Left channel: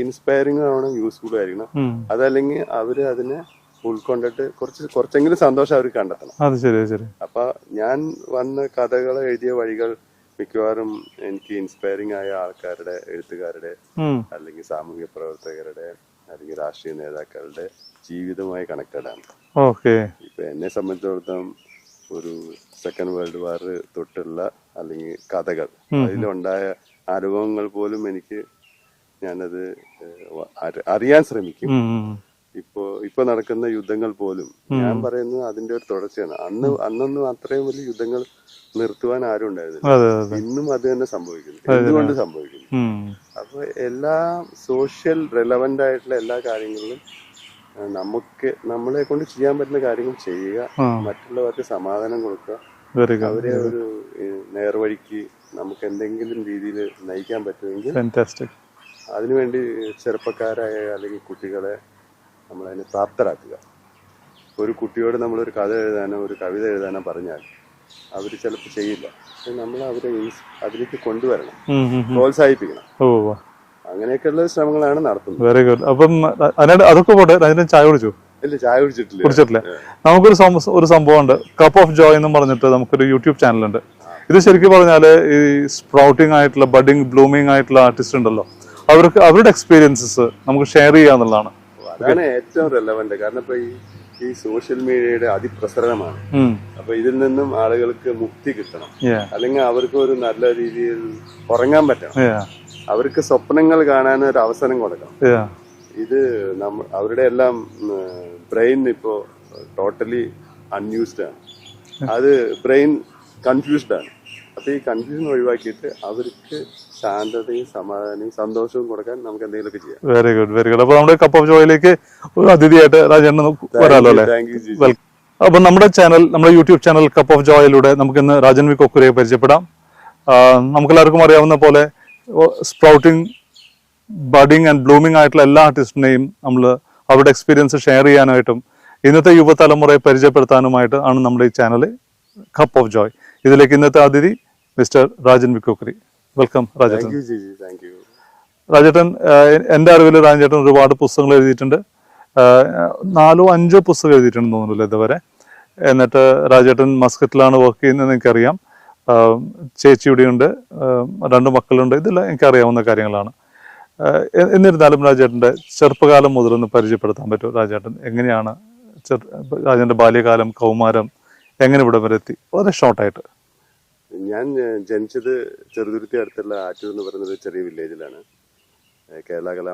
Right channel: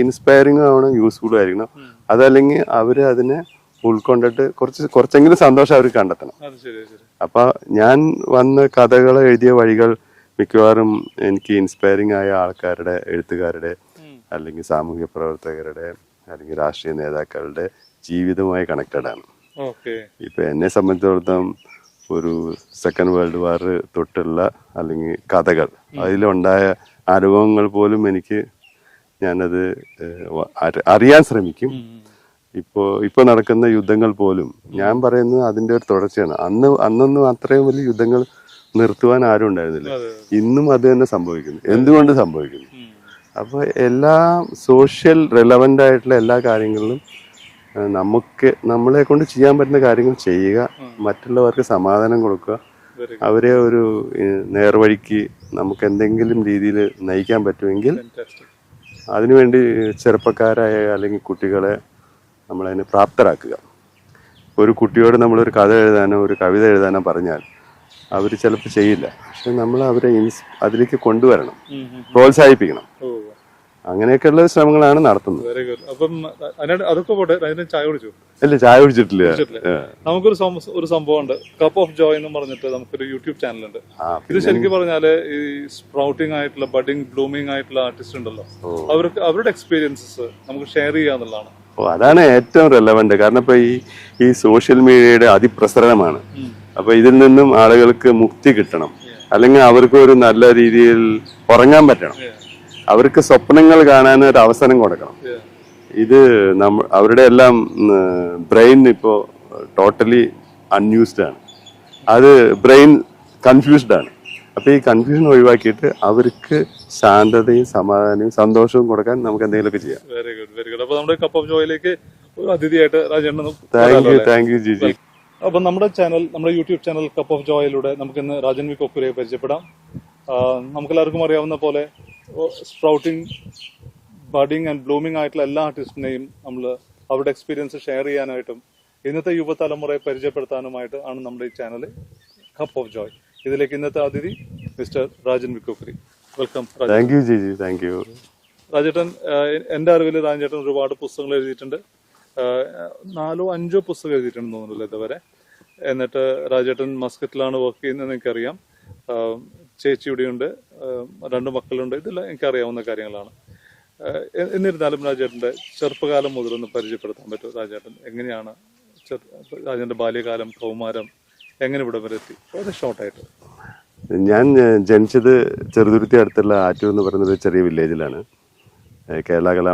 Inspiring ആവണം, useful ആയിരിക്കണം. അതല്ലെങ്കിൽ അവര് അതിനെ ഉൾക്കൊണ്ടിട്ട് കുറച്ചെങ്കിലും സന്തോഷം അവർക്ക് കണ്ടെത്തണം. അത് ശരി ശരി. അപ്പൊ ഞാൻ വന്ന് കഥകൾ എഴുതിയ വഴികൾ മിക്കവാറും എനിക്ക് ഇൻസ്പയറിംഗ് ആയ ആൾക്കാരുടെ, എഴുത്തുകാരുടെ, അല്ലെങ്കിൽ സാമൂഹ്യ പ്രവർത്തകരുടെ, അല്ലെങ്കിൽ രാഷ്ട്രീയ നേതാക്കളുടെ ജീവിതവുമായി കണക്റ്റഡ് ആണ്. ഇപ്പൊ എന്നെ സംബന്ധിച്ചിടത്തോളം ഒരു സെക്കൻഡ് വേൾഡ് വാർ തൊട്ടുള്ള അല്ലെങ്കിൽ കഥകൾ, അതിലുണ്ടായ അനുഭവങ്ങൾ പോലും ഞാനത് അറിയാൻ ശ്രമിക്കും. ഇപ്പൊ നടക്കുന്ന യുദ്ധങ്ങൾ പോലും ഞാൻ പറയുന്നത് അതിന്റെ ഒരു തുടർച്ചയാണ്. അന്നൊന്നും അത്രയും വലിയ യുദ്ധങ്ങൾ നിർത്തുവാൻ ആരും ഉണ്ടായിരുന്നില്ല. ഇന്നും അത് തന്നെ സംഭവിക്കുന്നു. എന്തുകൊണ്ട് സംഭവിക്കുന്നു? അപ്പൊ എല്ലാ സോഷ്യൽ റെലവന്റ് ആയിട്ടുള്ള എല്ലാ കാര്യങ്ങളിലും നമ്മളെ കൊണ്ട് ചെയ്യാൻ പറ്റുന്ന കാര്യങ്ങൾ ചെയ്യുക, മറ്റുള്ളവർക്ക് സമാധാനം കൊടുക്കുക, അവരെ ഒരു നേർവഴിക്ക് നമുക്ക് എന്തെങ്കിലും രീതിയിൽ നയിക്കാൻ പറ്റുമെങ്കിൽ അതിനുവേണ്ടി ചെറുപ്പക്കാരായ അല്ലെങ്കിൽ കുട്ടികളെ നമ്മളതിന് പ്രാപ്തരാക്കുക. ഒരു കുട്ടിയോട് നമ്മളൊരു കഥ എഴുതാനോ ഒരു കവിത എഴുതാനോ പറഞ്ഞാൽ അവർ ചിലപ്പോൾ ചെയ്യില്ല. പക്ഷെ നമ്മൾ അവരെ അതിലേക്ക് കൊണ്ടുവരണം, പ്രോത്സാഹിപ്പിക്കണം. അങ്ങനെയൊക്കെയുള്ള ശ്രമങ്ങളാണ് നടത്തുന്നത്. Very good. അപ്പം അതൊക്കെ പോട്ടെ, അതിന് ചായ കുടിച്ചു? ഇല്ല, ചായ കുടിച്ചിട്ടില്ല. നമുക്കൊരു സംഭവം ഉണ്ട്, കപ്പ് ഓഫ് ജോയ് എന്ന് പറഞ്ഞിട്ട് നമുക്കൊരു യൂട്യൂബ് ചാനലുണ്ട്. ഇത് ശരിക്കും പറഞ്ഞാല് ഈ സ്പ്രൗട്ടിംഗ് ആയിട്ടുള്ള, ബഡിങ്, ബ്ലൂമിംഗ് ആയിട്ടുള്ള ആർട്ടിസ്റ്റ് ഉണ്ടല്ലോ, അവരുടെ എക്സ്പീരിയൻസസ് നമുക്ക് ഷെയർ ചെയ്യാന്നുള്ളതാണ്. അതാണ് ഏറ്റവും റെലവന്റ്. കാരണം ഇപ്പൊ ഈ സോഷ്യൽ മീഡിയയുടെ അതിപ്രസരണമാണ്. അപ്പൊ ഇതിൽ നിന്നും ആളുകൾക്ക് മുക്തി കിട്ടണം, അല്ലെങ്കിൽ അവർക്ക് ഒരു നല്ല രീതിയിൽ ഉറങ്ങാൻ പറ്റണം, അവർക്ക് സ്വപ്നങ്ങൾ കാണാൻ ഒരു അവസരം കൊടുക്കണം. ഇത് അവരുടെ എല്ലാം ബ്രെയിൻ ഇപ്പോ ടോട്ടലി അൺയൂസ്ഡ് ആണ്. അത് ബ്രെയിൻ കൺഫ്യൂസ്ഡ് ആണ്. അപ്പൊ ഈ കൺഫ്യൂഷൻ ഒഴിവാക്കിയിട്ട് അവർക്ക് ശാന്തതയും സമാധാനവും സന്തോഷവും കൊടുക്കാൻ നമുക്ക് എന്തെങ്കിലുമൊക്കെ ചെയ്യാം. Very good, very good. അപ്പൊ നമ്മുടെ കപ്പ് ഓഫ് ജോയിലേക്ക് ഒരു അതിഥിയായിട്ട് രാജേട്ടൻ. Thank you Jiji. അപ്പൊ നമ്മുടെ യൂട്യൂബ് ചാനൽ കപ്പ് ഓഫ് ജോയിലൂടെ നമുക്ക് ഇന്ന് രാജൻ വി കൊക്കുരയെ പരിചയപ്പെടാം. നമുക്കെല്ലാവർക്കും അറിയാവുന്ന പോലെ സ്പ്രൗട്ടിംഗ്, ബഡിങ് ആൻഡ് ബ്ലൂമിംഗ് ആയിട്ടുള്ള എല്ലാ ആർട്ടിസ്റ്റിനെയും നമ്മൾ അവരുടെ എക്സ്പീരിയൻസ് ഷെയർ ചെയ്യാനായിട്ടും ഇന്നത്തെ യുവതലമുറയെ പരിചയപ്പെടുത്താനുമായിട്ട് ആണ് നമ്മുടെ ഈ ചാനൽ കപ്പ് ഓഫ് ജോയ്. ഇതിലേക്ക് ഇന്നത്തെ അതിഥി mister Rajan V Kokkuri. Welcome. Thank you Jiji. Thank you. രാജേട്ടൻ, എൻ്റെ അറിവിൽ രാജേട്ടൻ ഒരുപാട് പുസ്തകങ്ങൾ എഴുതിയിട്ടുണ്ട്. 4-5 പുസ്തകം എഴുതിയിട്ടുണ്ടെന്ന് തോന്നുന്നില്ല ഇതുവരെ. എന്നിട്ട് രാജേട്ടൻ മസ്കറ്റിലാണ് വർക്ക് ചെയ്യുന്നതെന്ന് എനിക്കറിയാം. ചേച്ചി ഇവിടെയുണ്ട്, 2 മക്കളുണ്ട്. ഇതെല്ലാം എനിക്കറിയാവുന്ന കാര്യങ്ങളാണ്. എന്നിരുന്നാലും രാജേട്ടൻ്റെ ചെറുപ്പകാലം മുതലൊന്ന് പരിചയപ്പെടുത്താൻ പറ്റുമോ? രാജേട്ടൻ എങ്ങനെയാണ് രാജേട്ടൻ്റെ ബാല്യകാലം, കൗമാരം എങ്ങനെ ഇവിടെ വരെ എത്തി? വളരെ ഷോർട്ടായിട്ട്. ഞാൻ ജനിച്ചത് ചെറുതുരുത്തി അടുത്തുള്ള ആറ്റൂർ എന്ന് പറയുന്ന ഒരു ചെറിയ വില്ലേജിലാണ്. കേരള കലാ